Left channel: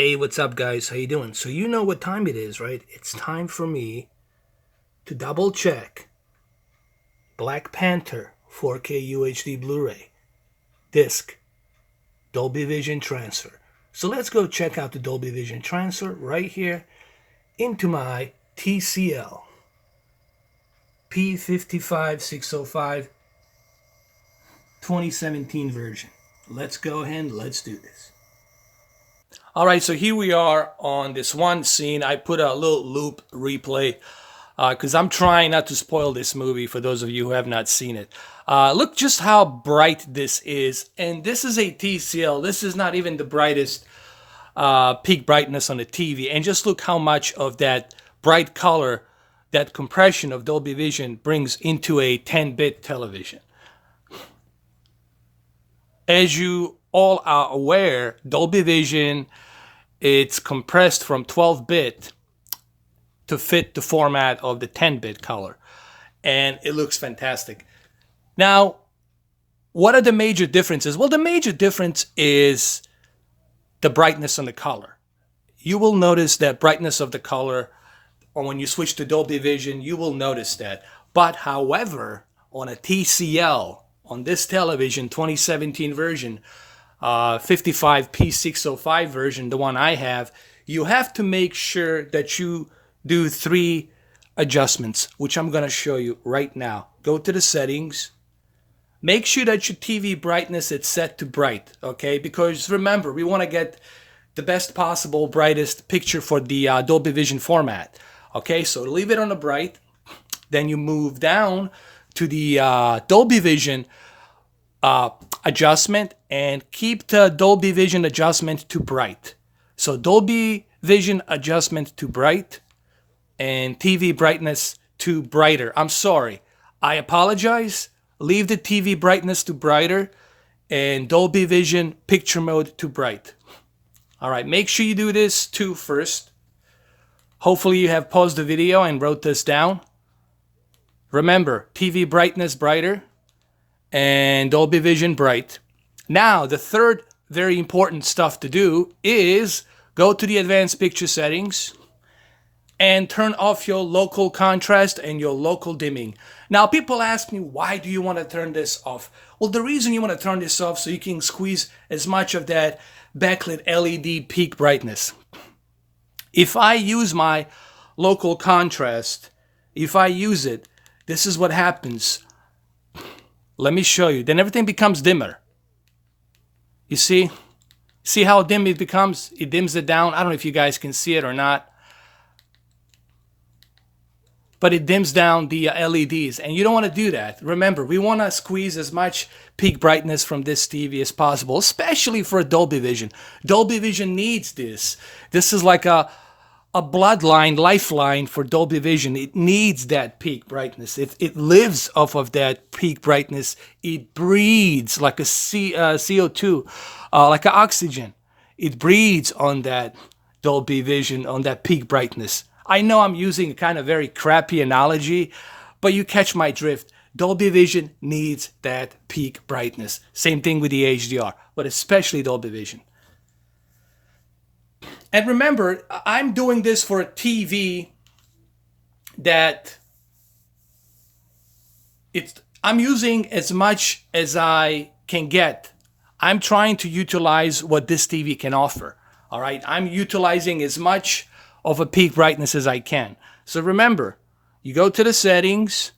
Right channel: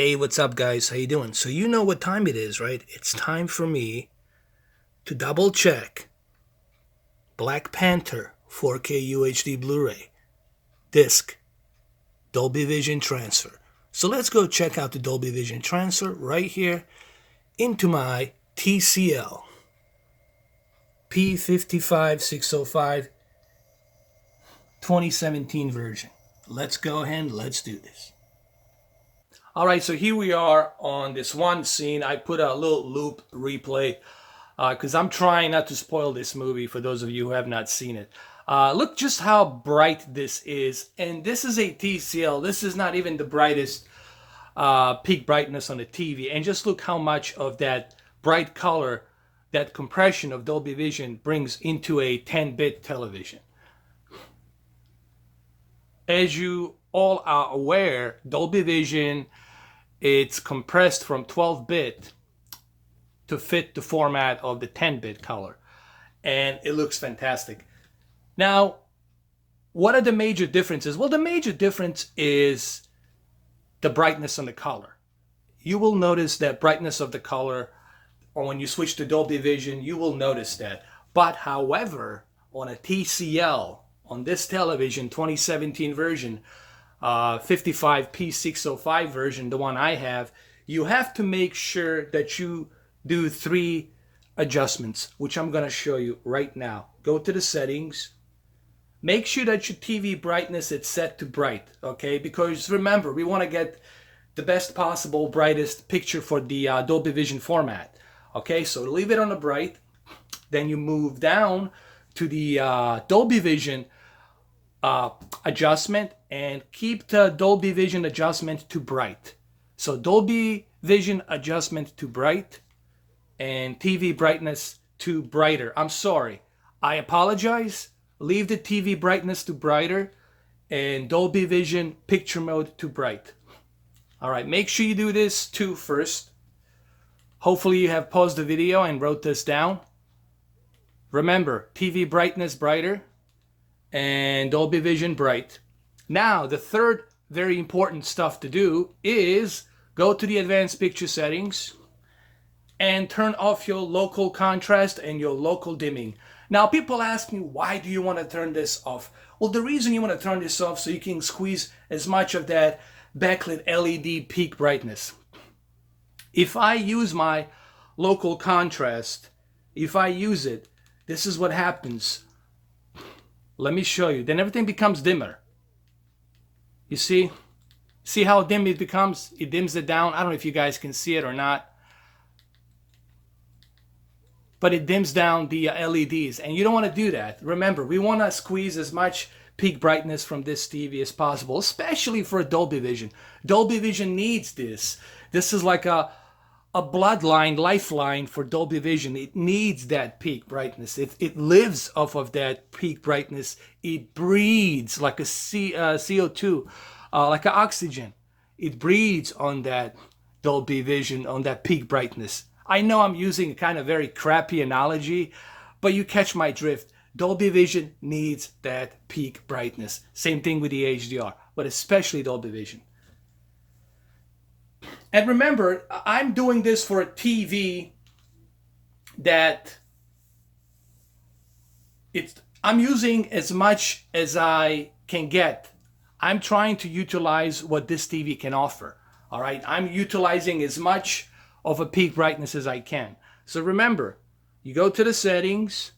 Hey, what's up, guys? How you doing? So you know what time it is, right? It's time for me to double check Black Panther 4K UHD Blu-ray disc Dolby Vision transfer. So let's go check out the Dolby Vision transfer right here into my TCL P55605 2017 version. Let's go ahead and let's do this. All right, so here we are on this one scene. I put a little loop replay because I'm trying not to spoil this movie for those of you who have not seen it. Look just how bright this is. And this is a TCL. This is not even the brightest peak brightness on the TV. And just look how much of that bright color, that compression of Dolby Vision brings into a 10-bit television. As you all are aware, Dolby Vision, it's compressed from 12-bit to fit the format of the 10-bit color. And it looks fantastic. Now, what are the major differences? Well, the major difference is the brightness on the color. You will notice that brightness of the color, or when you switch to Dolby Vision, you will notice that. But however, on a TCL, on this television, 2017 version, 55P605 version, the one I have, you have to make sure that you do three adjustments, which I'm going to show you right now. Go to the settings. Make sure that your TV brightness is set to bright, okay? Because remember, we want to get the best possible, brightest picture for the Dolby Vision format. Okay, so leave it on the bright. Then you move down to the Dolby Vision adjustment and keep the Dolby Vision adjustment to bright. So Dolby Vision adjustment to bright and TV brightness to brighter. I'm sorry. I apologize. Leave the TV brightness to brighter and Dolby Vision picture mode to bright. All right, make sure you do this too first. Hopefully you have paused the video and wrote this down. Remember, TV brightness brighter and Dolby Vision bright. Now, the third very important stuff to do is go to the advanced picture settings and turn off your local contrast and your local dimming. Now, people ask me, why do you want to turn this off? Well, the reason you want to turn this off so you can squeeze as much of that backlit LED peak brightness. If I use my local contrast, if I use it, this is what happens. Let me show you. Then everything becomes dimmer. You see? See how dim it becomes? It dims it down. I don't know if you guys can see it or not. But it dims down the LEDs. And you don't want to do that. Remember, we want to squeeze as much peak brightness from this TV as possible, especially for Dolby Vision. Dolby Vision needs this. This is like a bloodline, lifeline for Dolby Vision. It needs that peak brightness. It lives off of that peak brightness. It breathes like a CO2, like an oxygen. It breathes on that Dolby Vision, on that peak brightness. I know I'm using a kind of very crappy analogy, but you catch my drift. Dolby Vision needs that peak brightness. Same thing with the HDR, but especially Dolby Vision. And remember, I'm doing this for a TV that I'm using as much as I can get. I'm trying to utilize what this TV can offer. All right, I'm utilizing as much of a peak brightness as I can. So remember, you go to the settings,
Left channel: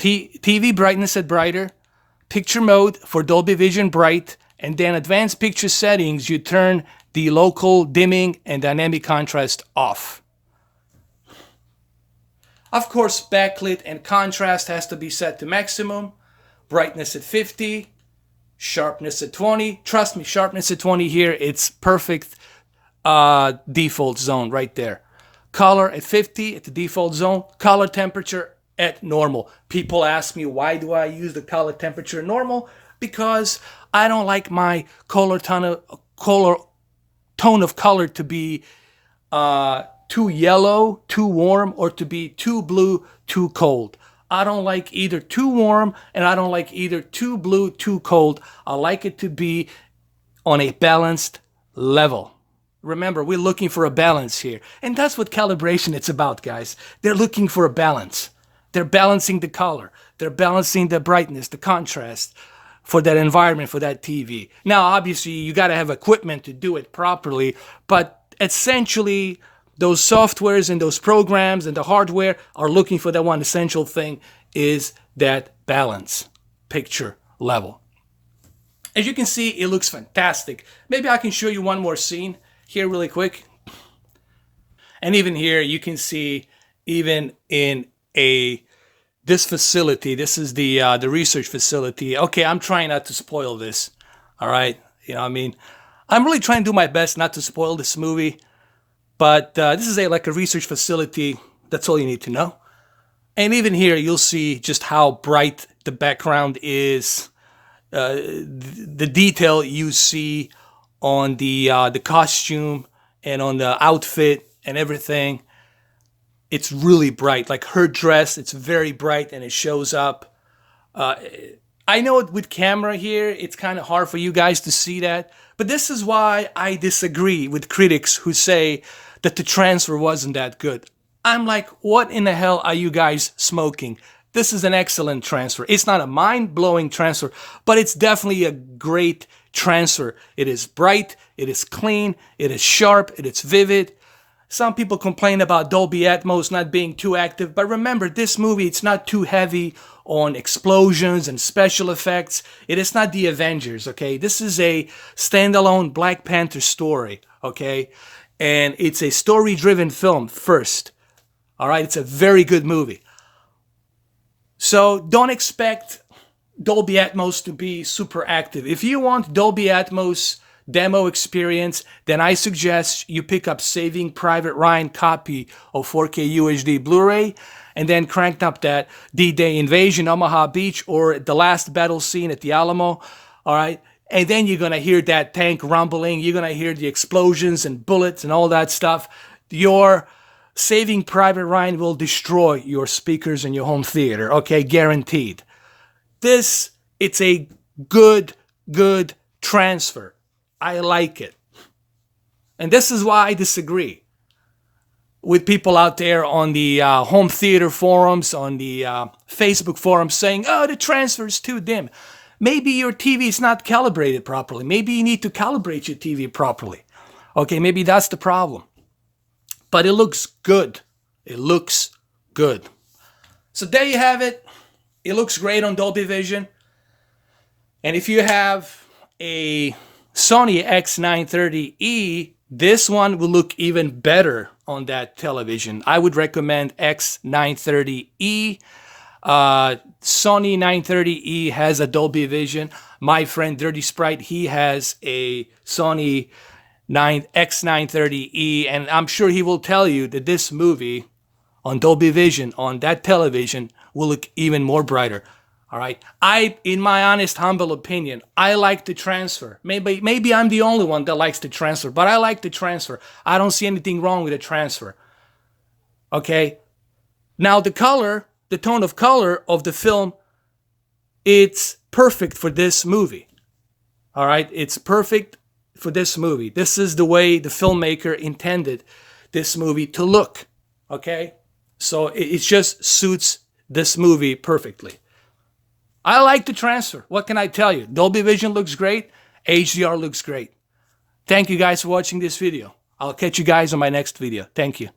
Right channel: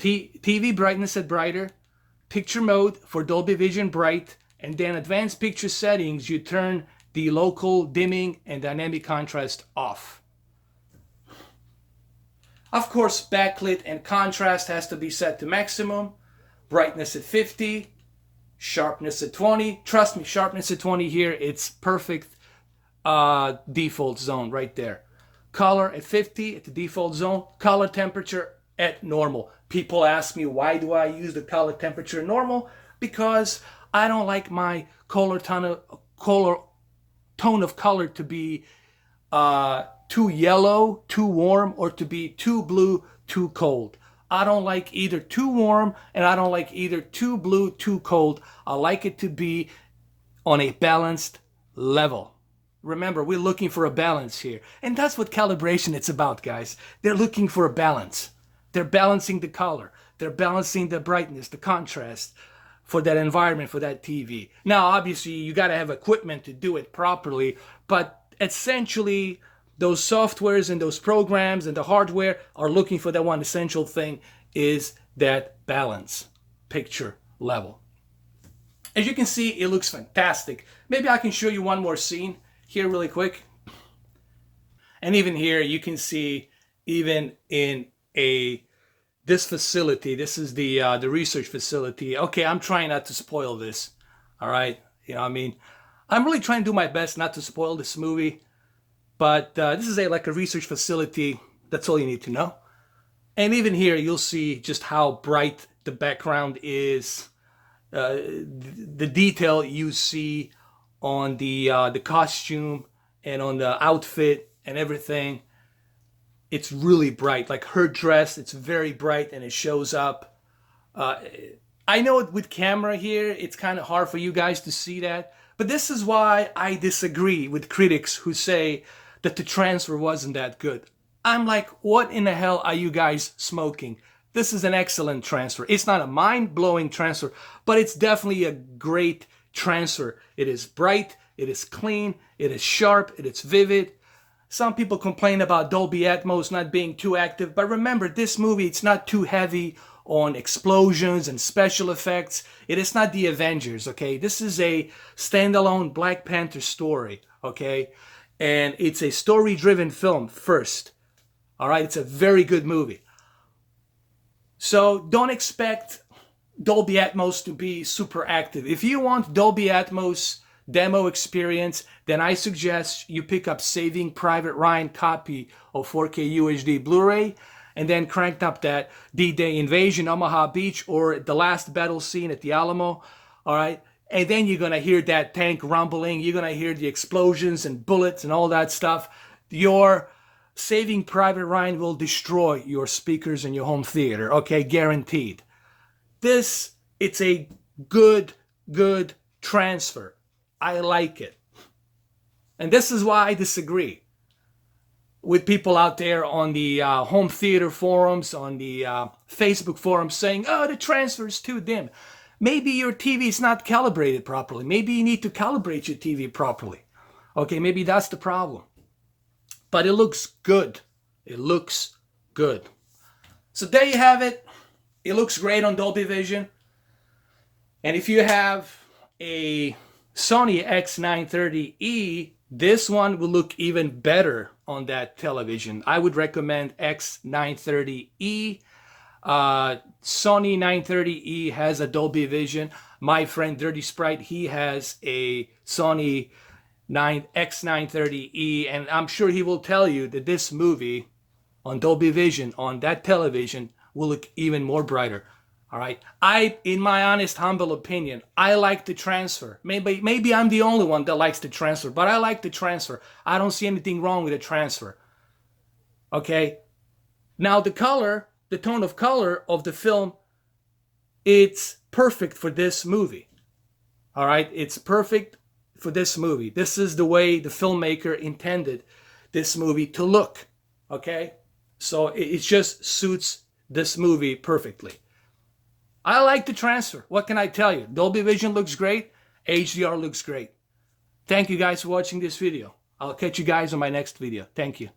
TV brightness at brighter, picture mode for Dolby Vision bright, and then advanced picture settings, you turn the local dimming and dynamic contrast off. Of course, backlit and contrast has to be set to maximum, brightness at 50, sharpness at 20. Trust me, sharpness at 20 here, it's perfect default zone right there. Color at 50 at the default zone, color temperature at normal. People ask me, why do I use the color temperature normal? Because I don't like my tone of color to be too yellow, too warm, or to be too blue, too cold. I don't like either too warm, and I don't like either too blue, too cold. I like it to be on a balanced level. Remember, we're looking for a balance here. And that's what calibration it's about, guys. They're looking for a balance. They're balancing the color. They're balancing the brightness, the contrast for that environment, for that TV. Now, obviously, you got to have equipment to do it properly, but essentially, those softwares and those programs and the hardware are looking for that one essential thing, is that balance, picture level. As you can see, it looks fantastic. Maybe I can show you one more scene here really quick. And even here, you can see, even in this facility, this is the research facility. Okay, I'm trying not to spoil this. All right, I mean, I'm really trying to do my best not to spoil this movie. But this is like a research facility. That's all you need to know. And even here, you'll see just how bright the background is. The detail you see on the costume and on the outfit and everything. It's really bright. Like her dress, it's very bright and it shows up. I know with camera here, it's kind of hard for you guys to see that. But this is why I disagree with critics who say that the transfer wasn't that good. I'm like, what in the hell are you guys smoking? This is an excellent transfer. It's not a mind-blowing transfer, but it's definitely a great transfer. It is bright, it is clean, it is sharp, it is vivid. Some people complain about Dolby Atmos not being too active, but remember, this movie, it's not too heavy on explosions and special effects. It is not the Avengers, okay? This is a standalone Black Panther story, okay? And it's a story-driven film first, all right? It's a very good movie. So don't expect Dolby Atmos to be super active. If you want Dolby Atmos demo experience, then I suggest you pick up Saving Private Ryan copy of 4K UHD Blu-ray, and then cranked up that D-Day Invasion, Omaha Beach, or the last battle scene at the Alamo, all right? And then you're going to hear that tank rumbling. You're going to hear the explosions and bullets and all that stuff. Your Saving Private Ryan will destroy your speakers in your home theater, okay? Guaranteed. It's a good transfer. I like it. And this is why I disagree with people out there on the home theater forums, on the Facebook forums saying, oh, the transfer is too dim. Maybe your TV is not calibrated properly. Maybe you need to calibrate your TV properly. Okay, maybe that's the problem. But it looks good. It looks good. So there you have it. It looks great on Dolby Vision. And if you have a Sony X930E, this one will look even better on that television. I would recommend X930E. Sony 930E has a Dolby Vision. My friend Dirty Sprite, he has a Sony X930E, and I'm sure he will tell you that this movie on Dolby Vision, on that television, will look even more brighter. All right. In my honest, humble opinion, I like the transfer. Maybe I'm the only one that likes the transfer, but I like the transfer. I don't see anything wrong with the transfer. Okay. Now the color, the tone of color of the film, it's perfect for this movie. All right. It's perfect for this movie. This is the way the filmmaker intended this movie to look. Okay. So it just suits this movie perfectly. I like the transfer. What can I tell you? Dolby Vision looks great. HDR looks great. Thank you guys for watching this video. I'll catch you guys on my next video. Thank you.